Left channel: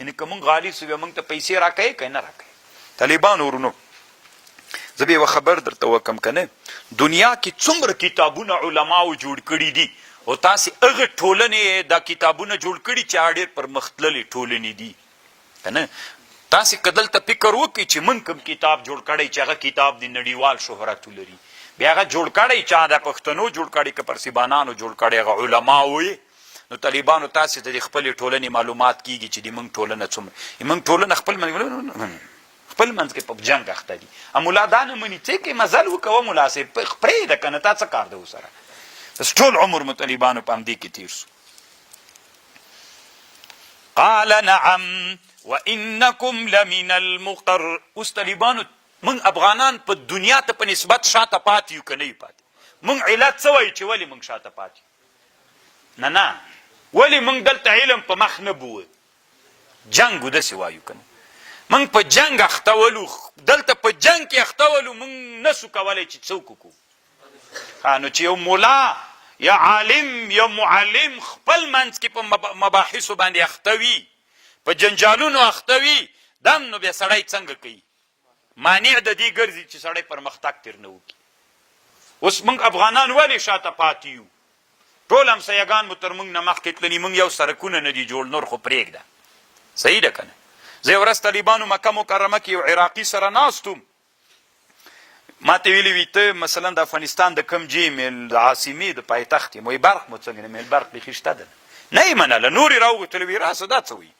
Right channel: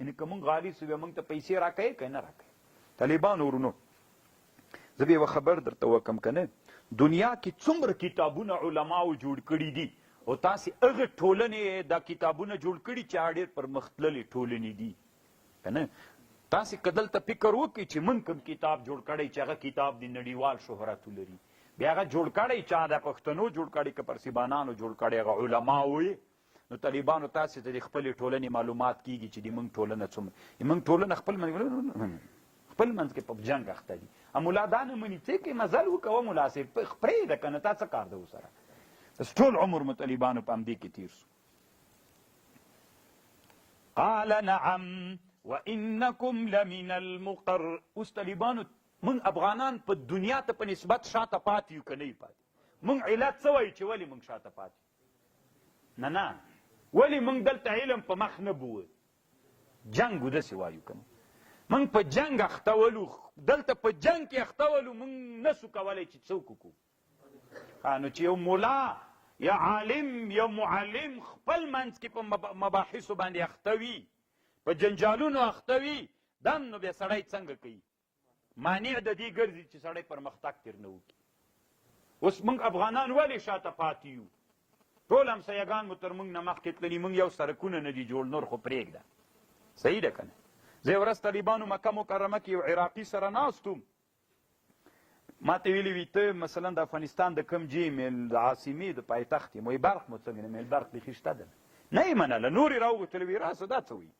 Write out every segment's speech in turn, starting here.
یعنې که موږ غالي سو بیا موږ ته پیسې راکوې که نه راکوې. طالبانو ورونو زه به یوه خبر درته وکم که نه، دنیا کې څومره کتابونه علماو جوړ کړي دي او تاسې هغه ټولنې دا کتابونه جوړ کړي چې هغه ډېر پرمختللې ټولنې دي که نه. تاسې که دلته فکر وکړئ چې موږ کوم کتاب جوړ کړی چې هغه کتاب د نړیوال شهرت ولري، بیا هغه جوړ کړی چا د پښتنو جوړ کړی که پرسیبانانو جوړ کړی هغه علماو یې، نو طالبانو تاسې ته د خپلې ټولنې معلومات کیږي چې د موږ ټولنه څومره موږ ټولنه خپل منځ کې په جنګ اخته دي. ملا دا نه مني څه کې مزل وکوه ملا صاحب پرېږده که نه تا څه کار ده ورسره. بس ټول عمر مو طالبانو په همدې کې تېر سو. قال نعم وانکم لمن المقر. اوس طالبانو موږ افغانان په دنیا ته په نسبت شاته پاتې یو که نه یو پاتې؟ موږ علت څه وایو چې ولې موږ شاته پاتې یو؟ نه ولې موږ دلته علم په مخ نه بوه؟ جنګ و داسې وایو که نه؟ موږ په جنګ اخته ولو، دلته په جنګ کې اخته ولو، موږ نسو کولی چې څوک وکړو. نو چې یو ملا یا عالم یا معلم خپل منځ کې په مباحثو باندې اخته وي، په جنجالونو اخته وي، دم نو بیا سړی څنګه کوي؟ مانع د دې ګرځي چې سړی پرمختګ تر نه وکړي. اوس موږ افغانان ولې شاته پاتې یو؟ ټول همسایګان مو تر موږ نه مخکې تللي، موږ یو سړکونه نه دي جوړ، نور خو پرېږده. صحیح ده که نه؟ زه یو ورځ طالبانو مکه مکرمه کې یو عراقي سره ناست وم، ما ته ویلي وي ته مثلا د افغانستان د کوم جې د عاصمې د پایتخت یم؟ وایي برق مو څنګه نه؟ برق بیخي شته ده. نه یې منله، نور یې راوغوښتل وي راسه دا څه وایي؟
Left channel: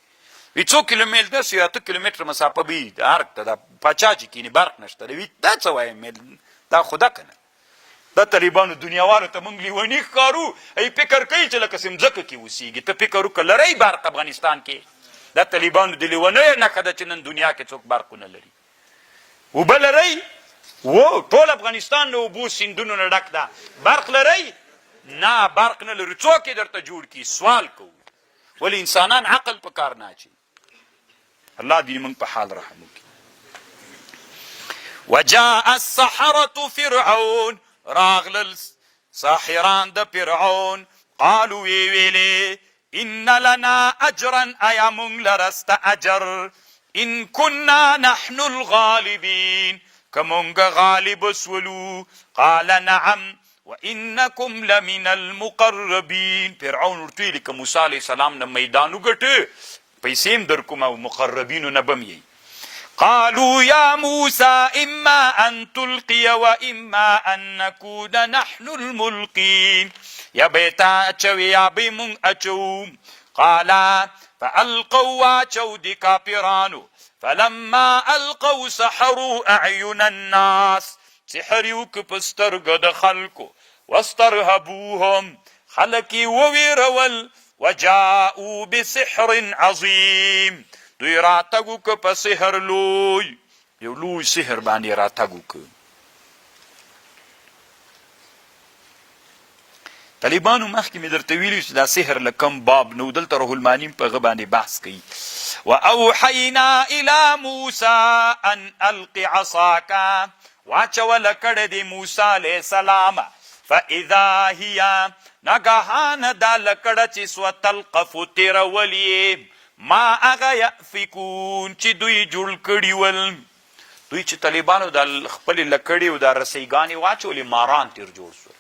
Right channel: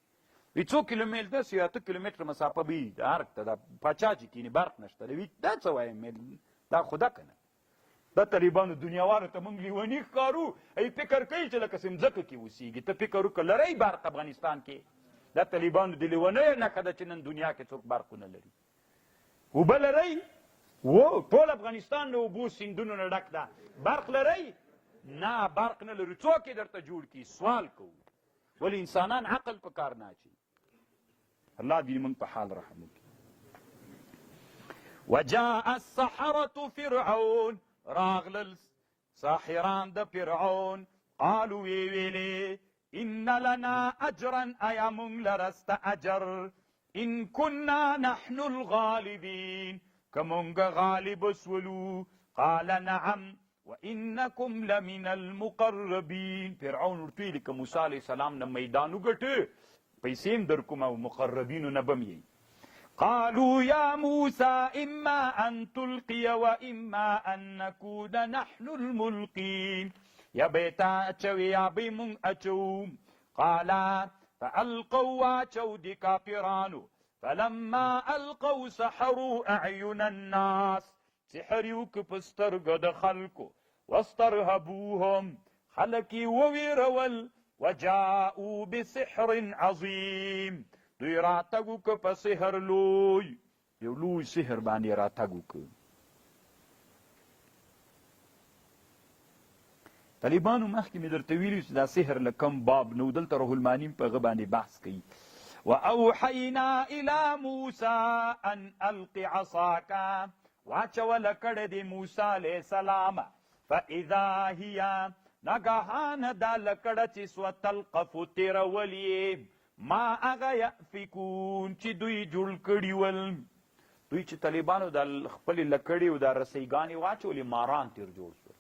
وی 2 کیلومتر داسې 8 کیلومتره مسافه به وي د ارګ ته، دا پاچا چې کینې برق نشته ده. وي دا څه وایم؟ دا خو ده که نه؟ دا طالبانو دنیاوانو ته موږ لیوني ښکارو. ای فکر کوي چې لکه ځمکه کې اوسېږي. ته فکر وکړه لرئ برق افغانستان کې؟ دا طالبانو د لیونیو نښه ده چې نن دنیا کې څوک برق ونه لري. اوبه لرئ؟ ټول افغانستان د اوبو سیندونو نه ډک ده. برق لرئ؟ نه برق نه لرو. څوک یې درته جوړ کړي؟ سوال کوو. ولې انسانان عقل په کار نه اچوي. الله دې موږ په حال رحم وکړي. وجاء السحرة فرعون. راغلل ساحران د فرعون. قالوا وی ویلې ان لنا اجرا ایا موږ لرسته اجر ان كنا نحن الغالبین که موږ غالب سولو. قال نعم وانکم لمن المقربین. فرعون ورته ویلي که موسی علیه السلام نه میدان وګټه پیسې هم در کوم او مقربینو نه به م یی. قالوا يا موسى إما أن تلقي وإما أن نكون نحن الملقين. يا بيتا أچوي يا بيمون أچو. قال فألقوا أچو دي كافرانو. فلما ألقوا سحروا أعين الناس. سحريوك پسترگ د خلقو واسترهبوهم خلقي وويرول وجاءوا بسحر عظيم. دوی راتګو که په سحر لوی، یو لوی سحر باندې راتګو که. طالبانو مخکې مې درته ویلي چې دا سحر له کم باب نو، دلته روح المانیم په هغه باندې بحث کوي. واوحینا الی موسی ان الق عصاک. واچوله کړه د موسی علیه السلام. فاذا هي ناګهانه دا لکړه چې سوه تلقف تیرولې ما هغه یأفکون چې دوی جوړ کړي ول. دوی چې طالبانو د خپلې لکړې او د رسیګانې واچولې ماران تیر جوړ شول.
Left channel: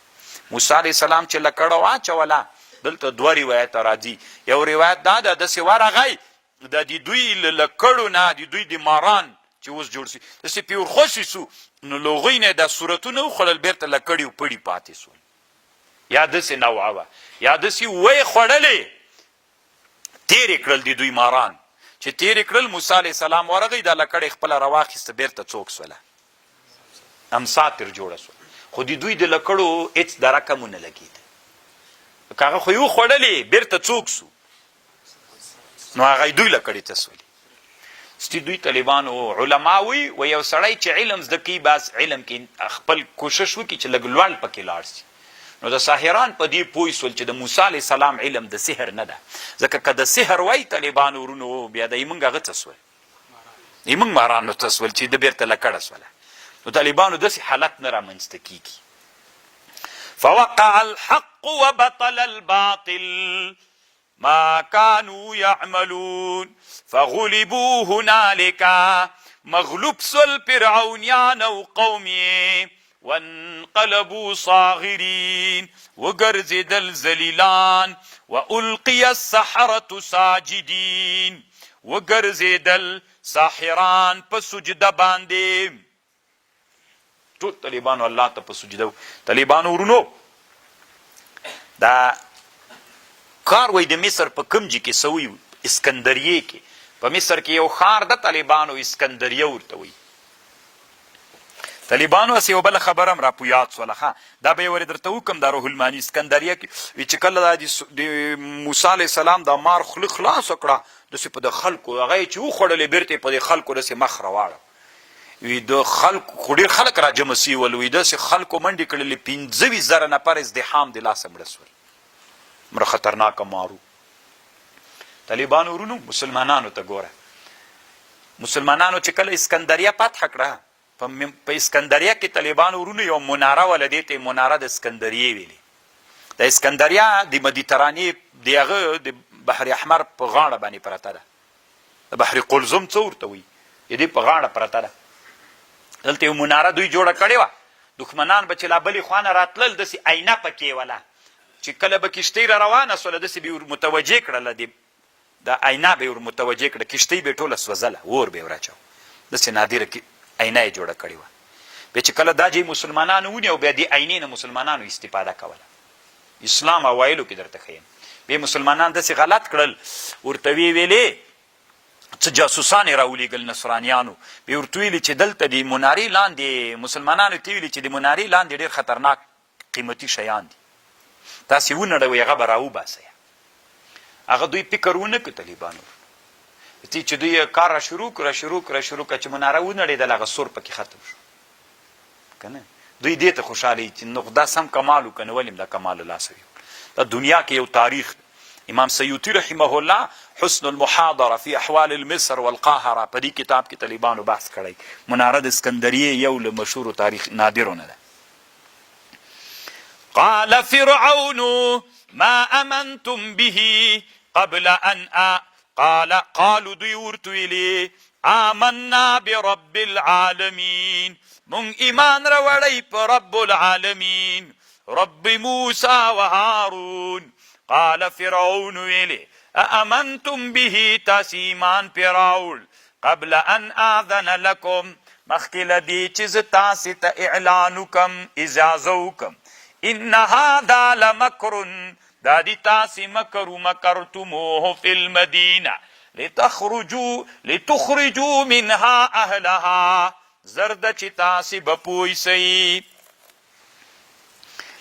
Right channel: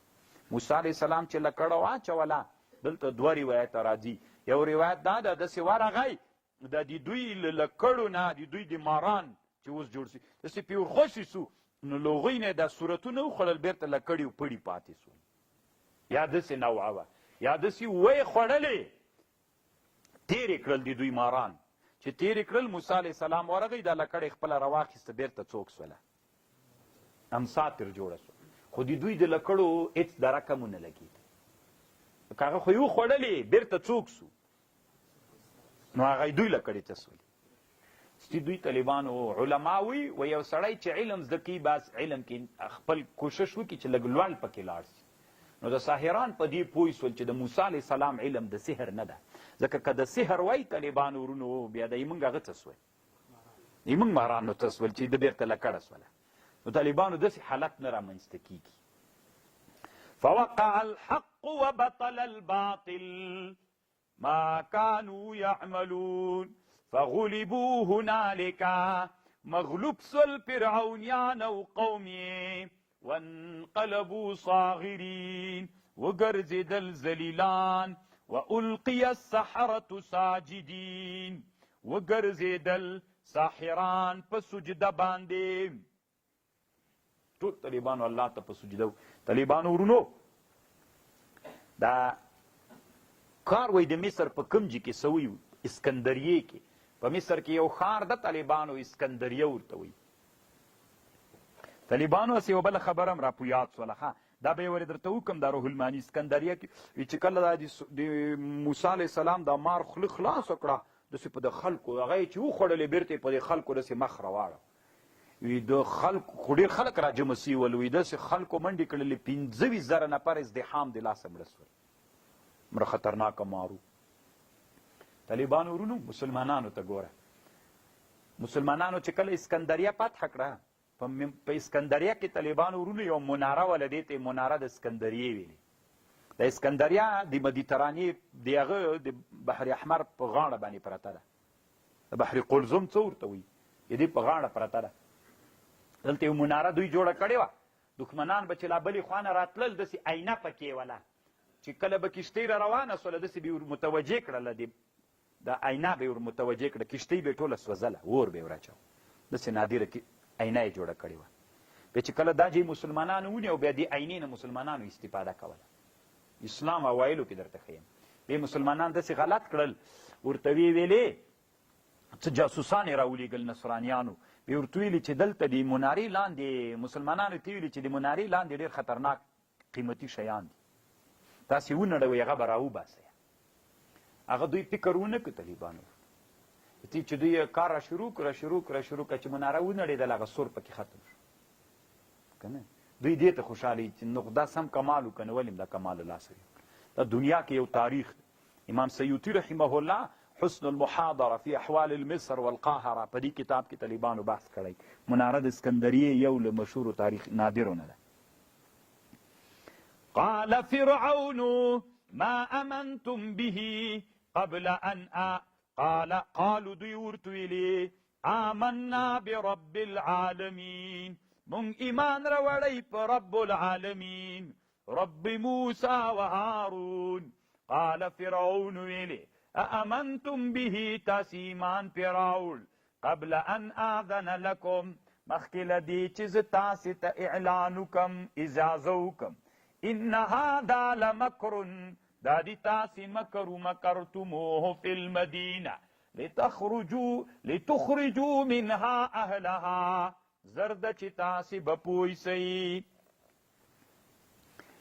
موسی علیه السلام چې لکړه واچوله دلته 2 روایت راځي. یو روایت دا ده داسې ورغی د دوی له لکړو نه د دوی د ماران چې اوس جوړ شي داسې پې ورخوشې سو، نو له هغوی نه دا صورتونه وخوړل بیرته لکړې و پړي پاتې سول. یا داسې نوعه وه یا داسې وی خوړلې تیرې کړل د دوی ماران. چې تیرې کړل موسی علیه السلام ورغی دا لکړې خپله راواخیسته بیرته څوک سوله امسا تر جوړه سوه. خو د دوی د لکړو هېڅ درکه مو نه لګېده. که هغه خو یې وخوړلې بیرته څوک سو، نو هغه دوی لکړې ته سولې. ستی دوی طالبانو علما وي و یو سړی چې علم زده کوي بس علم کې خپل کوشش وکړي چې لږ لوړ پکې لاړ شي. نو د ساحران په دې پوه سول چې د موسی علیه السلام علم د سحر نه ده. ځکه که د سحر وای طالبانو ورونو بیا د یې موږ هغه څه سول، یې موږ مارانو ته سول چې د بیرته لکړه سوله. نو طالبانو داسې حالت نه رامنځته کیږي. فوقع الحق وبطل الباطل. ما كانوا يعملون فغلبوا هنالك مغلوب سل فرعونیان او قومی وانقلبوا صاغرین وگرزدل ذلیلان والقی السحرة ساجدین وگرزدل ساحران په سجده باندې. ټول طالبانو الله ته په سجده. طالبانو ورونو دا کار وای د مصر په کمجي کې سوی اسکندریه کې په مصر کې یو ښار د طالبانو اسکندریه ورته وي. طالبانو اس یو بل خبرم را پویات سولخه دا به ور درته وکم د روح المانی اسکندریه کې چې کله د موسی علی السلام د مار خلاص کړه د په د خلکو هغه چې و خړلې بیرته په د خلکو د مخ راواړه وی د خلکو خډیر خلک را جمع سی ول وی د خلکو منډي کړلې 25,000 نفر ازدحام د لاس مړسول مر خطرناک مارو. طالبانو ورونو مسلمانانو ته ګوره مسلمانانو چې کله اسکندریه فتح کړه په اسکندریه کې طالبانو ورونو یو مناره ولدی ته مناره د اسکندریه ویلي. د اسکندریه د مدیترانې دغه د بحر احمر په غاړه باندې پرته ده. د بحر قلزم څه ورته وي دې په غاړه پرته ده. دلته یو مناره دوی جوړه کړې وه دښمنان به چې لا بلې خوانه راتلل داسې آینه پکې وله چې کله به کشتۍ را روانه سوله داسې به ور متوجه کړله د آینه به ور متوجه کړه کشتۍ به یې ټوله سوځله اور به یې ور اچاو داسې نادره آینه یې جوړه کړې وه. بیا چې کله دا چې مسلمانانو ونیو بیا دې آینې نه مسلمانانو استفاده کوله. اسلام اوایلو کې درته ښیم بیا مسلمانان داسې غلط کړل ورته ویې ویلې څه جاسوسان یې راولېږل نصرانیانو بیا ورته ویلي چې دلته د منارې لاندې مسلمانانو ته ویلي چې د منارې لاندې ډېر خطرناک قیمتي شیان دي تاسې ونړوئ هغه به راوباسئ. هغه دوی فکر ونه کړ طالبانو چې دوی کار را شروع کړه چې مناره ونړېدل هغه سور پکې ختم شو که نه. دوی دې ته خوشحاله چې نو دا سم کمال و که نه ولې دا کمال لاسه وي. دا دنیا کې یو تاریخ امام سیوطي رحمه الله حسن المحاضره فی احوال المصر والقاهره په دې کتاب کې طالبانو بحث کړی. مناره د اسکندریه یو له مشهورو تاریخ نادرونه ده. قال فرعون ما امنتم به قبل ان قالوا دوی ورته ویلي آمنا برب العالمین مونږ ایمان راوړی په رب العالمین رب موسی و هارون. قال فرعون ویلي اامنتم به تاسې ایمان پرې راوړ قبل ان آذن لکم مخکې له دې چې زه تاسې ته اعلان وکم اجازه وکم ان هذا لمکر دا دی تاسې مکر مکرتموه فی المدینه لتخرجوا منها اهلها زرد چې تاسې به پوه سئ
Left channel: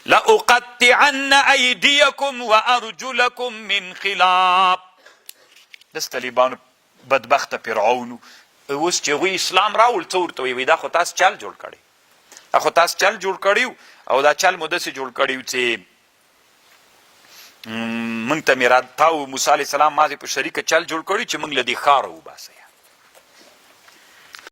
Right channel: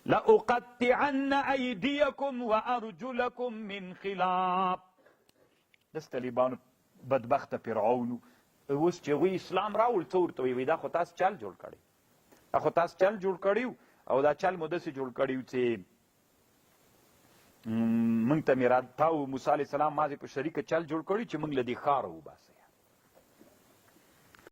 لأقطعن ایدیکم وارجلکم من خلاف. دس طالبانو بدبخته فرعون اوس چې هغوی اسلام راوړ څه ورته ویل دا خو تاسو چل جوړ کړی او دا چل مو داسې جوړ کړی چې موږ ته مې تا موسی علیه السلام ماضې په شریکه چل جوړ کړي چې موږ له دې ښاره وباسئ